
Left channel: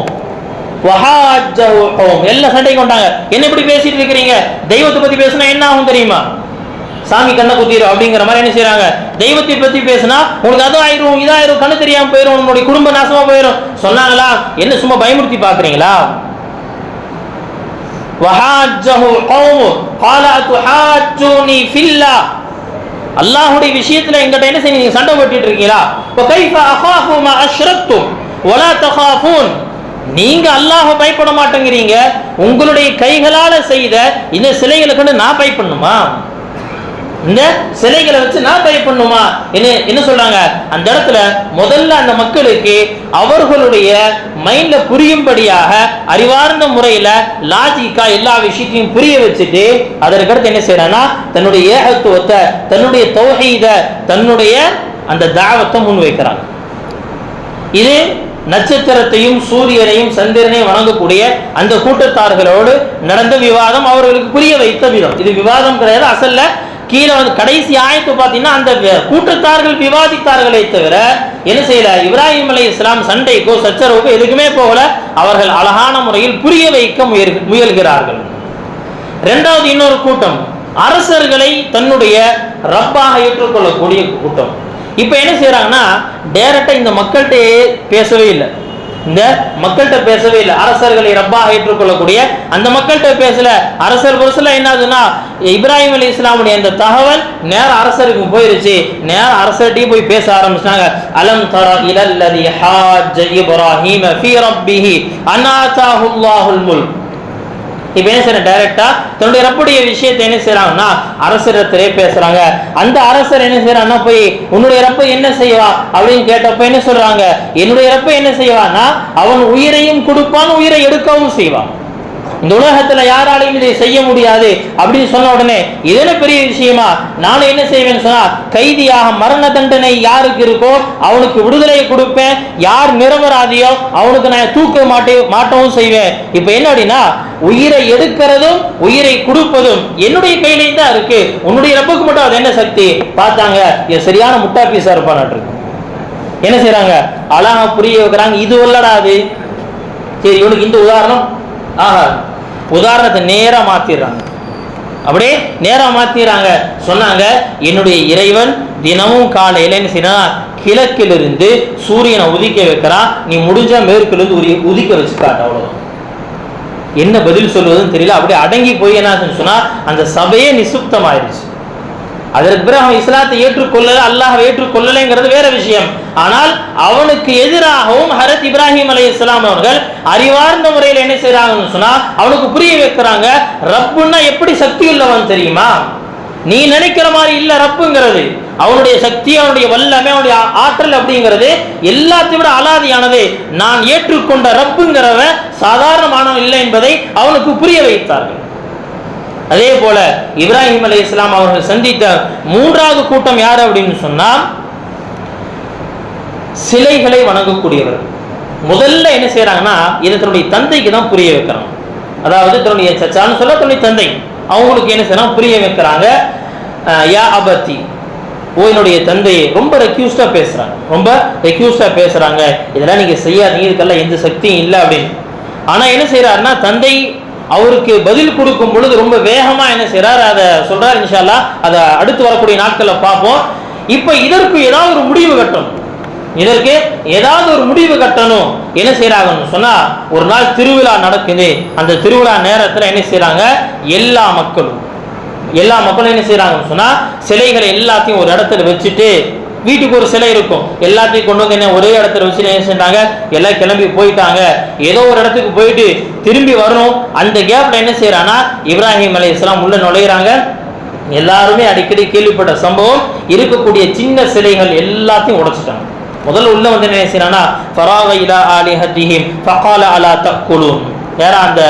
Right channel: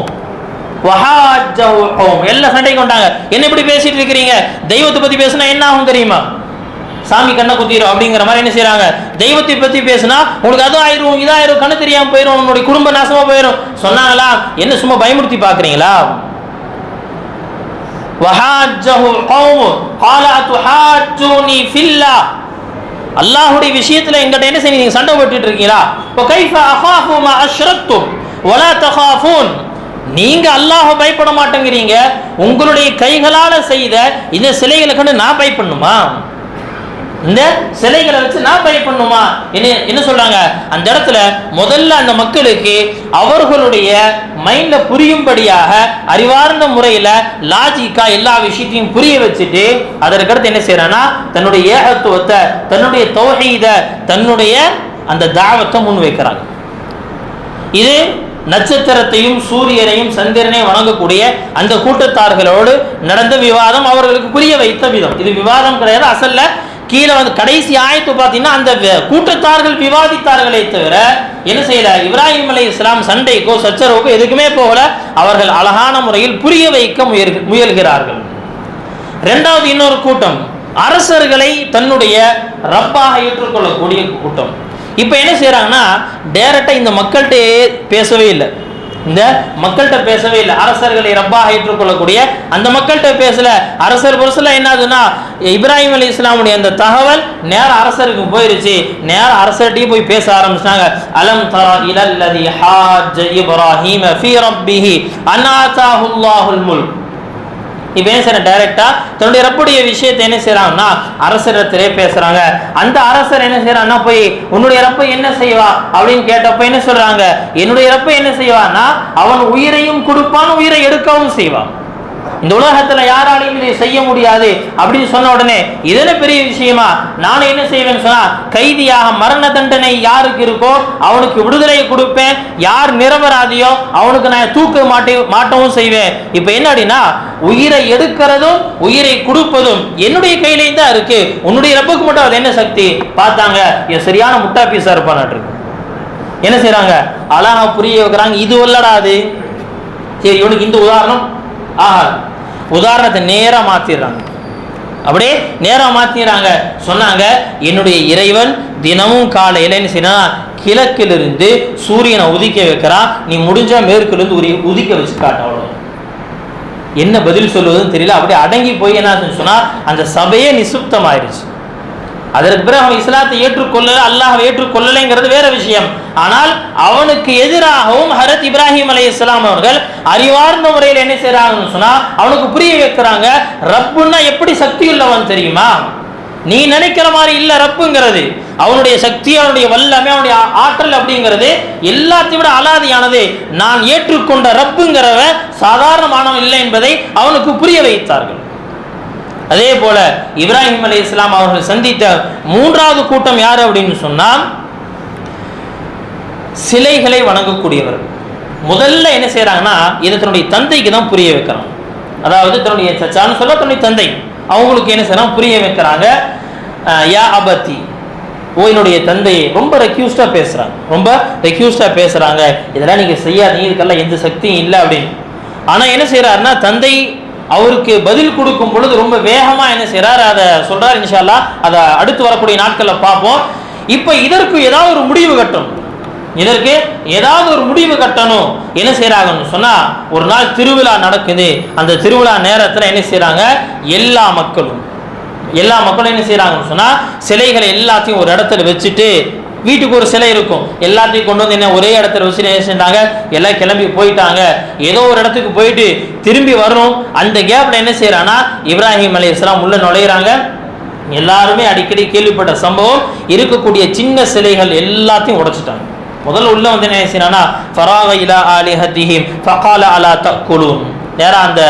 வஹாஜஹு கௌம், எல்லாம் சண்டைக்கு வந்துட்டாங்க. என்ன இப்படி பேசிட்டு இருக்கிறீங்க? தெய்வத்தை பத்தி பேசினா என்ன ஆகும் தெரியுமா? சாமி கண்ணை குத்திரும் அப்படிங்கிற மாதிரி என்ன செய்யறாங்க, தெய்வத்தை பத்தி பேசினா உனக்கு அது ஆயிரும் இதாயிரும், கண்ணு தெரியாம போயிரும், உன்னுடைய குடும்ப நாசமா போயிரும் சொன்னாங்களா? என்ன சும்மா பயமுறுத்தி பாக்குறீங்களா? வஹாஜஹு கௌமு قال atuhajjuni fillah, அல்லாஹ்வுடைய விஷயத்துல என்கிட்ட என்ன செய்றீங்க, சண்டை போட்டுட்டு இருக்கீங்களா? وكيف اخاف ما اشركتم ولا تخافون, நீங்க அல்லாஹ்வை பயப்பட மாட்டேங்கிறீங்க, உங்களுடைய கைகளால செய்த இந்த சிலைகளுக்கு நான் பயப்படணுமா? இந்த சிலைகளை வச்சு நான் பயப்படணுமா? என்ன சொல்றாங்க அந்த இடத்துல? முதல்ல அந்த மக்களுக்கு அவர்களுடைய மைண்ட்ல புரியும்படியாக அறிவார்ந்த முறையில லாஜிக்கா எல்லா விஷயத்தையும் புரிய வச்சுட்டு அதற்கடுத்து என்ன செய்யறான்னா தன்னுடைய ஏகத்துவத்தை, தன்னுடைய தௌஹீத, தன்னுடைய அந்த தாவத்தை முன் வைக்கிறாங்க. இது நட்சத்திரத்தையும் சூரியனையும் சந்திரனையும் வணங்கக்கூடிய அந்த கூட்டத்தார்களோடு நடந்த விவாதம், அவர்களுக்கு புரிய வைத்த விதம். இது விவாதம் கிடையாது, அசல்ல கீழே வந்து கடைசி ஆயத்து பார்த்தீங்கன்னா அந்த கூட்டத்தார்கள் விவாதித்தார்களே தவிர என்ன செய்யல, இப்ராஹிம் அலைஹிஸ்ஸலாம் சண்டைக்கோ சச்சரவுக்கோ எதுக்குமே போகல. அவர்கள் அழகான முறையில் புரிய வைக்க முயல்கிறார்கள். இரண்டாவது இன்னொரு கூட்டம், அரசர்களை தன்னுடைய ரப்பாக ஏற்றுக்கொள்ளக்கூடிய கூட்டம். இப்ப என்ன செய்யறாங்கன்னா டைரக்டா இந்த மக்கள்கிட்ட பேசவே இல்லை, இந்த மக்கள்கிட்ட பேசவே இல்லை. அரசர்களை ரப்பாக ஏற்றுக்கொள்ளக்கூடிய அந்த மக்கள்கிட்ட பேசல. அரசர் புரசல என்னதுன்னா இப்ராஹிம் அலைஹிஸ்ஸலாமுடைய அந்த தகவல் நேர அரசருக்கு போயிருச்சு. நேர அரசர்கிட்டயே போய் பேச ஆரம்பிச்சாங்க. அலம் தர இலல்லதி ஹாஜ்ஜ இப்ராஹீம ஃபீ ரப்பிஹி அன் ஆதாஹு அல்லாஹுல் முல்க். இப்ப என்ன செய்யறாங்க, டைரக்டா தன்னுடைய ரப்புடைய விஷயத்தை என்ன செய்யறாங்கன்னா அரசரத்திலே பேசுறாங்க. அந்த அரசர் என்ன செய்யறாங்கன்னா போய் உன்னுடைய ரப்ப என்ன செய்வா அப்படின்னு கேட்டப்ப என்ன சொல்றாங்க, என்னுடைய ரப்ப என்ன செய்வான்னா அவன் உயிரையும் கொடுப்பான், உயிரை எடுக்கவும் செய்வான். இந்த உலகத்துல யாராலையும் இதை செய்ய முடியாது அப்படின்னு சொன்ன உடனே இதெல்லாம் பெரிய விஷயமா, நானும் என்ன செய்வேன்னு சொன்னா கைதியாக மரண தண்டனை யாருக்கு இருக்கோ அவனுக்கு விடுதலையை கொடுப்பேன், யார் நிரபராதியோ அவனுக்கு நான் தூக்க மாட்டவும் செய்வேன். இப்ப என்ன அப்படின்னா உயிரை எடுக்கிறதும் உயிரை கொடுப்பதும் என்னுடைய கையிலையும் தான் இருக்கு, உன்னுடைய ரப்புக்கு மட்டும் அது என்ன சக்தி? பார்த்தாங்க சரியான முட்டா பீஸா இருப்பான். என்ன செய்யறாங்க, அழகா புரிய வைக்கிறாங்க. இது இல்லடாது, சரி இவனுக்கு இந்த உதாரணம் ஆஹா, உதாரணத்தை நேரா மாத்திடுறாங்க. அப்படியே நேரா மாத்திடுறாங்க. சொன்னாங்க என்னுடைய இறைவன் தினமும் காலையில என்ன செய்யறான், கிழக்கிலிருந்து சூரியனை உதிக்க வைக்கிறான், நீ முடிஞ்சா மேற்கிலிருந்து உதிக்க வச்சு காட்டு, அவ்வளவுதான். என்ன பதில் சொல்வதுன்னு தெரியல. அப்படியே அடங்கி போய் என்ன சொன்னா அந்த சபையே நிசுப்தமாயிருச்சு. அதற்கு பிறகு அவன் இஸ்லாத்தை ஏற்றுக்கொள்ளல, அல்லாஹ் ஏற்றுக்கொள்ளலைங்கிறது வேற விஷயம். ஆனால் அவனுக்கு எதிராகவும் ஹரத் இப்ராஹிம் அலைஹிஸ்ஸலாம் அவர்கள் அறிவார்ந்த முறையில் என்ன செய்யறாங்கன்னு சொன்னா அவனுக்கு புரிய வைக்கிறாங்க, ரப்புன்னா எப்படி சக்தி உள்ளவன் தெரியுமா, நீ நினைக்கிற மாதிரி இல்ல ரப்புங்கிறது. அவனுடைய சக்தி, அவனுடைய வல்லமை, அவனுடைய ஆற்றல் அப்படிங்கிறது எல்லாத்தையும் விட அலாதியானது. நான் ஏற்றுக்கொண்ட ரப்புங்கிறவ சாதாரணமானவன் இல்லை என்பதை அவனுக்கு புரிய வைத்தார்கள். அதே போல இப்ராஹிம் அலைஹிஸ்ஸலாம் அவர்கள் சந்தித்த மூன்றாவது கூட்டம் யார் அப்படின்னு சொன்னால் சிலைகளை வணங்கக்கூடியவர்கள். முதல்ல என்ன செய்யறாங்கன்னா இதை தன்னுடைய தந்தைக்கு தான் புரிய வைக்கிறாங்க. அதாவது தன்னுடைய சச்சான்னு சொல்ல தன்னுடைய தந்தை அவங்களுக்கு என்ன செய்யறாங்க புரிய வைக்கிறாங்க. யா அபத்தி, ஓ என்னுடைய தந்தையை ரொம்ப ரெக்யூஸ்டா பேசுறாங்க, இதெல்லாம் நீங்க செய்யாதீங்க, இதுக்கெல்லாம் எந்த சக்தியும் இல்லை அப்படின்னு. ஆனா என்ன செய்யறாருன்னா தந்தை அவருக்கு பதில் கொடுக்கும் பொழுது ரொம்ப வேகமா என்ன செய்யறாரு அதை சொல்றாரு. இன்ஷா அல்லாஹ் அதை அடுத்து வரக்கூடிய நாட்கள்ல பார்ப்போம். இப்ப இதற்கு ஏதாவது ஒரு முடிவு கட்டணும். என்ன செய்யறாங்கன்னு சொன்னா ஒரு நாள் திருவிழா நடக்குது. அந்த திருவிழா நேரத்துல என்ன செய்யறாங்க எல்லா மக்களும் என்ன செய்யறாங்கன்னு சொன்னா சிலைகளை எல்லாத்தையும் ஒரு இடத்துல வச்சுட்டு, வீட்டுக்கு ஒரு சிலை இருக்கும், எல்லாத்தையும் கொண்டு வந்து என்ன ஒரே இடத்துல வச்சு என்ன செஞ்சாங்க எல்லாம் கிளம்பி போயிட்டாங்க. ஏதோ ஒரு இடத்துக்கு போயிட்டு திரும்பி வரணும். அந்த கேப்ல என்ன செய்யறாங்கன்னா இப்ராஹிம் அலைஹிஸ்ஸலாம் உள்ள நுழையிறாங்க. எல்லாருமே அடிக்கடி கேள்விப்பட்ட சம்பவம், இருக்கக்கூடிய சின்ன சிலைகள் எல்லாத்தையும் உடைச்சிட்டாங்க. முதல்ல உள்ள வந்து என்ன செய்யறாங்கன்னா ஃபராக இலா ஆலிஹத்திஹிம் ஃபகால அலா தக்குலூன், நேரா அந்த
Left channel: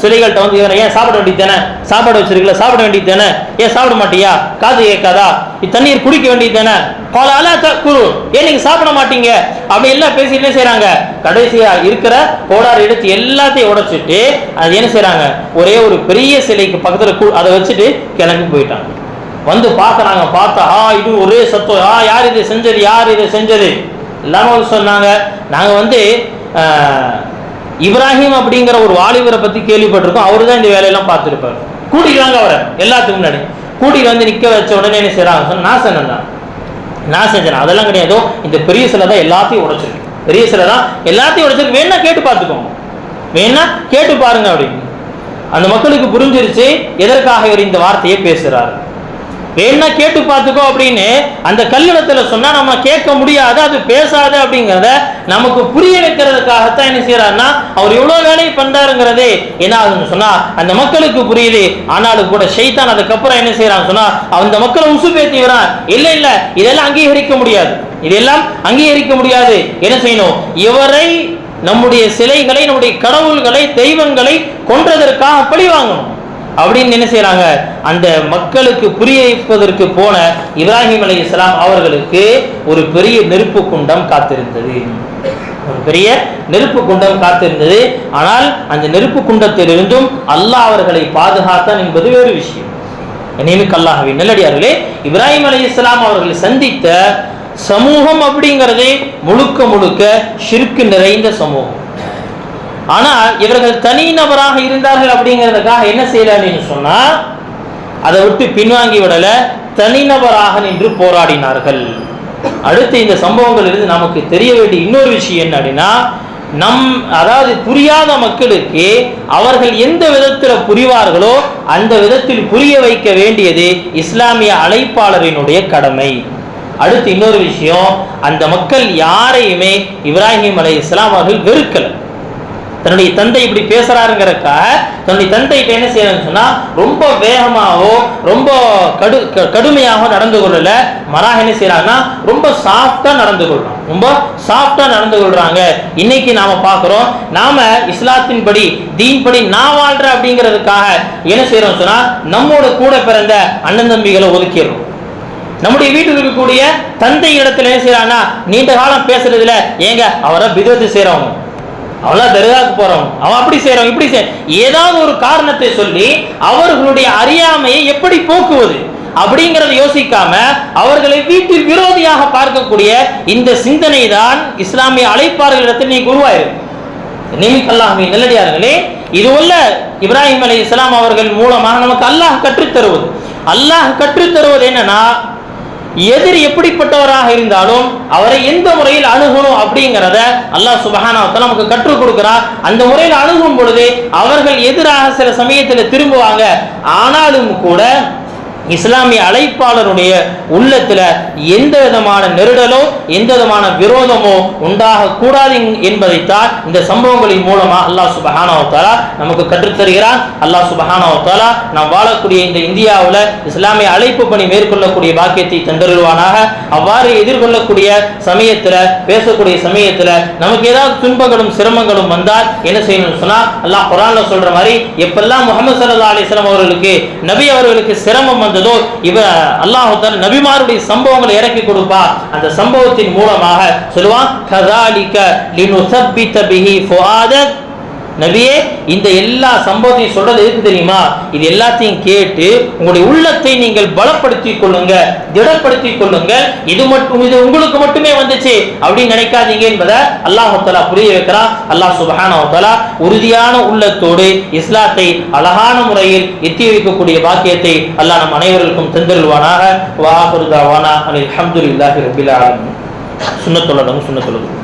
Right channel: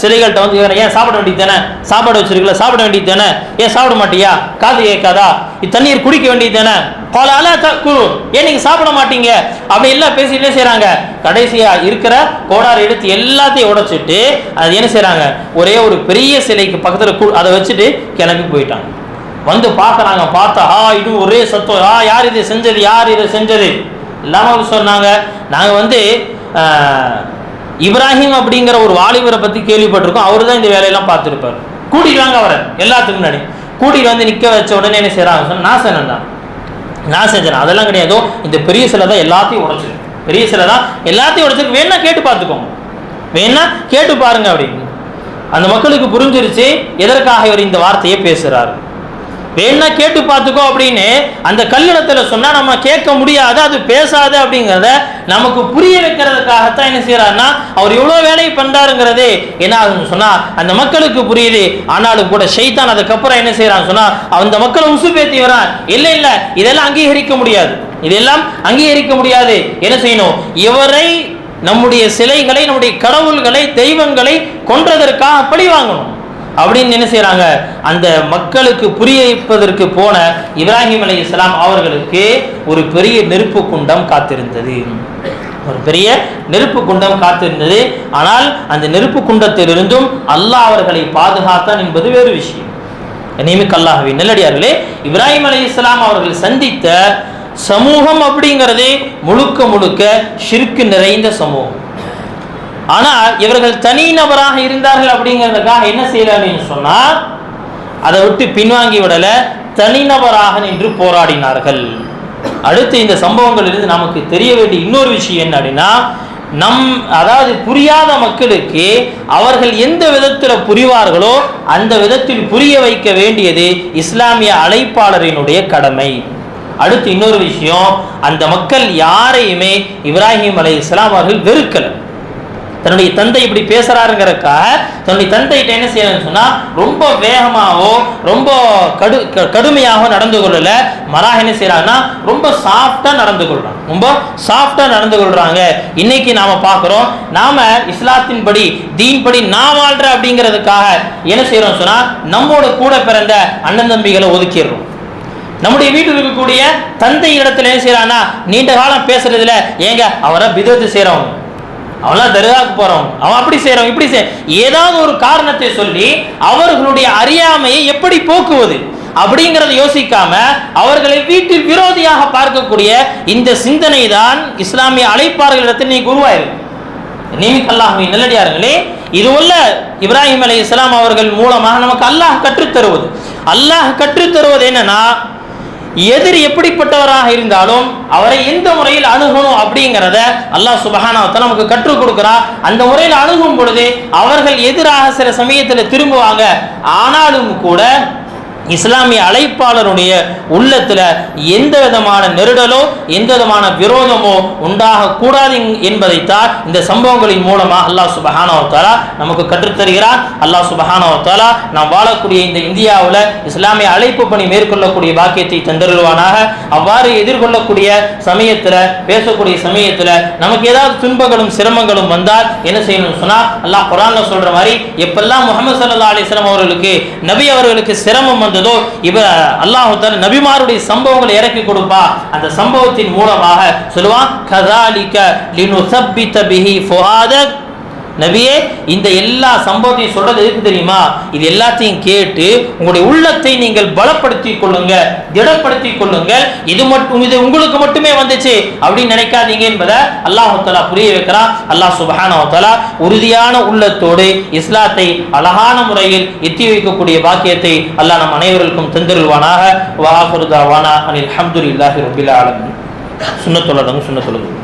சிலைகள்கிட்ட வந்து ஏன் சாப்பிட வேண்டியது தானே, சாப்பாடு வச்சிருக்கல சாப்பிட வேண்டியது தானே, ஏன் சாப்பிட மாட்டியா, காது கேட்காதா, தண்ணீர் குடிக்க வேண்டியது தானே, காலால குரு, ஏன் நீங்க சாப்பிட மாட்டீங்க அப்படி எல்லாம் பேசி என்ன செய்யறாங்க. கடைசியா இருக்கிற கோடார் எடுத்து எல்லாத்தையும் உடைச்சிட்டு அது என்ன செய்யறாங்க ஒரே ஒரு பெரிய சிலைக்கு பக்கத்துல அதை வச்சுட்டு கிளம்பி போயிட்டாங்க. வந்து பார்க்கறாங்க, பார்த்தா இது ஒரே சத்தம், யார் இதை செஞ்சது இல்லாம சொன்னாங்க. நாங்க வந்து இப்ராஹிம் அப்படிங்கிற ஒரு வாலிபரை பத்தி கேள்விப்பட்டிருக்கோம், அவரு தான் இந்த வேலையெல்லாம் பார்த்துருப்பாரு. கூட்டிட்டு வாங்க அவரை, எல்லாத்துக்கும் முன்னாடி கூட்டிட்டு வந்து நிக்க வச்ச உடனே என்ன செய்யறாங்க, நான் செஞ்சேன் அதெல்லாம் கிடையாதோ, இந்த பெரிய சிலை தான் எல்லாத்தையும் உடைச்சிருக்கு, வேணா கேட்டு பார்த்துக்கோங்க, வேணா கேட்டு பாருங்க அப்படின்னு. அந்த மக்களுக்கு புரிஞ்சிருச்சு எதற்காக இவர் இந்த வார்த்தையை பேசுறாரு. வேணா கேட்டு பார்த்துக்கோ அப்படின்னு அந்த கல்லிடத்துல சொன்னா நம்ம கேட்க முடியாது, அது பேசாது அப்படிங்கிறத நமக்கு புரிய வைக்கிறதுக்காகத்தான் என்ன செய்யறாருன்னா அவர் எவ்வளவு வேலை பண்றாருங்கிறதே என்ன ஆகுன்னு சொன்னா அந்த மக்களுக்கு புரியுது. ஆனாலும் கூட ஷைத்தான் அதுக்கப்புறம் என்ன செய்யறான்னு சொன்னா அந்த மக்களை உசுப்பேத்தி வரான். இல்ல இதெல்லாம் அங்கீகரிக்க முடியாது. என்ன செய்யணும், இவரை நம்முடைய சிலைகளை, நம்முடைய கடவுள்களை, தெய்வங்களை கொன்றதற்காக பழி வாங்கணும் அப்படின்னு என்ன செய்யறாங்க. அந்த மக்களுக்கு புரிய வைப்பதற்கு போன இப்ராஹிம் அலைஹிஸ்ஸலாம் அவர்களுக்கு ஒரு பெரிய நெருப்பு குண்டம் காத்திருந்தது. ஆனால் அந்த நெருப்பு குண்டத்திலிருந்தும் அல்லாஹ் அவர்களை பாதுகாத்தான் என்பது வேறு விஷயம். நியமிக்க அல்லாஹ்வின் நல்லடியார்களே, இப்ராஹிம் அலைஹிஸ்ஸலாம் அவர்கள் சந்தித்த சமூகம் அப்படிங்கிறது முழுக்க ஷிர்க் நிறைந்த சமூகம். ஆனா இவர்கள் தனி நபராக இருந்தார்கள் அப்படிங்கிறதுக்காக என்ன செய்யறாங்கன்னு சொன்னா அதை விட்டு பின்வாங்கி விடல, தனிநபராக நின்று போராடினார்கள். அடுத்து இந்த சம்பவங்கள் இருந்து நமக்கு தெரிய வேண்டிய இன்னொரு விஷயம் என்ன அப்படின்னா, அதாவது புரியாத மக்களுக்கு அவர்கள் எந்த விதத்தில் புரிவார்களோ அந்த விதத்தில் புரிய வைக்க வேண்டியது இஸ்லாமிய அழைப்பாளரினுடைய கடமை. அடுத்து இன்னொரு விஷயம், அந்த மக்கள் யாரையுமே இப்ராஹிம் அலைஹிஸ்ஸலாம் அவர்கள் வெறுக்கல. தன்னுடைய தந்தை இப்படி பேசுறாருங்கிறதுக்காக தன்னுடைய தந்தைகிட்ட என்ன செய்யணும்னு சொன்னா ரொம்ப வேகமாகவோ ரொம்ப கடுமையாக நடந்து கொள்ளல, மராக என்ன செய்யறாங்கன்னா ரொம்ப சாஃப்டா நடந்து கொள்றாங்க. இன்னைக்கு நாம பார்க்கிறோம், நாம இஸ்லாத்தின் படி தீன் படி நான் வாழ்றேன் அப்படிங்கிறதுக்காக என்ன செய்யறோம் சொன்னா நம்மோட கூட பிறந்த அண்ணன் தம்பிகளை ஒதுக்கிடுறோம். நம்முடைய வீட்டில் இருக்கக்கூடிய தந்தை இடத்துல என்ன செய்யறாங்கன்னா நீண்ட காலம் பேசுறதுல ஏங்க அவரை பிதத்து செய்யறவங்க, அவெல்லாம் தர்காவுக்கு போறவங்க, அவன் அப்படி செய்யறவங்க இப்படி ஏதாவது ஒரு காரணத்தை சொல்லி அவர்களுடைய அறியாமையை எப்படி போக்குவது அப்படிங்கறத யோசிக்காம அவர்களை வீட்டில் விரோதியாக பார்க்கக்கூடிய இந்த சிந்தனை தான் இஸ்லாமிய அழைப்பாளர்களிடத்தில் நீ உருவாயிருக்கு. நீமிக்கல்லாஹ்வின் நல்லடியார்களே, இது உள்ள இப்ராஹிம் அலைஹிஸ்ஸலாம் அவர்கள் மூலமாக நமக்கு அல்லாஹ் கற்றுத்தருவது என்னன்னா, எதிரி எப்படிப்பட்டவராக இருந்தாலும் அவரை எந்த முறையில் அணுகணும் அப்படிங்கிறத அல்லாஹ் சுப்ஹானஹு வ தஆலா நமக்கு கற்றுக் கொடுக்கிறார். அந்த முறையில் அணுகும் பொழுது அவர்கள் எதிராக சில சமயத்தில் திரும்புவாங்க. ஆனாலும் கூட இஸ்லாமிய அழைப்பாளருடைய உள்ளத்துல எந்த விதமான நெருடலோ எந்த விதமான விரோதமோ உண்டாக கூடாது என்பதைத்தான் இந்த சம்பவங்களின் மூலமா அல்லாஹ் சுப்ஹானஹு வ தஆலா நமக்கு கற்றுத்தருகிறார். அல்லாஹ் சுப்ஹானஹு வ தஆலா நாம் வாழக்கூடிய இந்த இந்தியாவில் இஸ்லாமிய அழைப்பு பணி மேற்கொள்ளக்கூடிய பாக்கியத்தை தந்தருள்வானாக. அவ்வாறு எதிர்கொள்ளக்கூடிய சமயத்துல பேசக்கூடிய சமயத்துல நமக்கு ஏதாவது துன்பங்களும் சிரமங்களும் வந்தால் என்ன செய்யணும்னு சொன்னா அல்லாஹ் குர்ஆன்ல சொல்ற மாதிரி எப்பெல்லாம் முஹம்மது ஸல்லல்லாஹு அலைஹி வஸல்லம் அவர்களுக்கு நபி அவர்களுக்கு சிரமம் இவ அல்லாஹ் தஆலா நபிமாருடைய சம்பவங்களை இறக்கி கொடுப்பா. அந்த சம்பவத்தின் மூலமாக சொல்லுவான் கதாலிக லினுஸப்பித பிஹி ஃபுஆதக். நபியே இந்த எல்லா சம்பவத்தையும் சொல்றது எதுக்கு தெரியுமா? இது எல்லாத்தையும் கேட்டு உங்களுடைய உள்ளத்தை நீங்கள் பலப்படுத்திக் கொள்ளுங்க, திடப்படுத்திக் கொள்ளுங்க. இது உங்களுக்கு மட்டுமே வந்துச்சு அப்படின்னு நினைக்காதீங்க என்பதை அல்லாஹ் தஆலா புரிய வைக்கிறான். அல்லாஹ் சுப்ஹானஹு வ தஆலா உறுதியான உள்ளத்தோடு இஸ்லாத்தை அழகான முறையில் எத்தி வைக்கக்கூடிய பாக்கியத்தை அல்லாஹ் நம் அனைவருக்கும் தந்தருள்வானாக. வ ஆகிரு தஅவானா அனில் ஹம்துலில்லாஹி ரப்பில் ஆலமீன். சுன்னத்துல்லாஹி சுன்னத்துல்லாஹி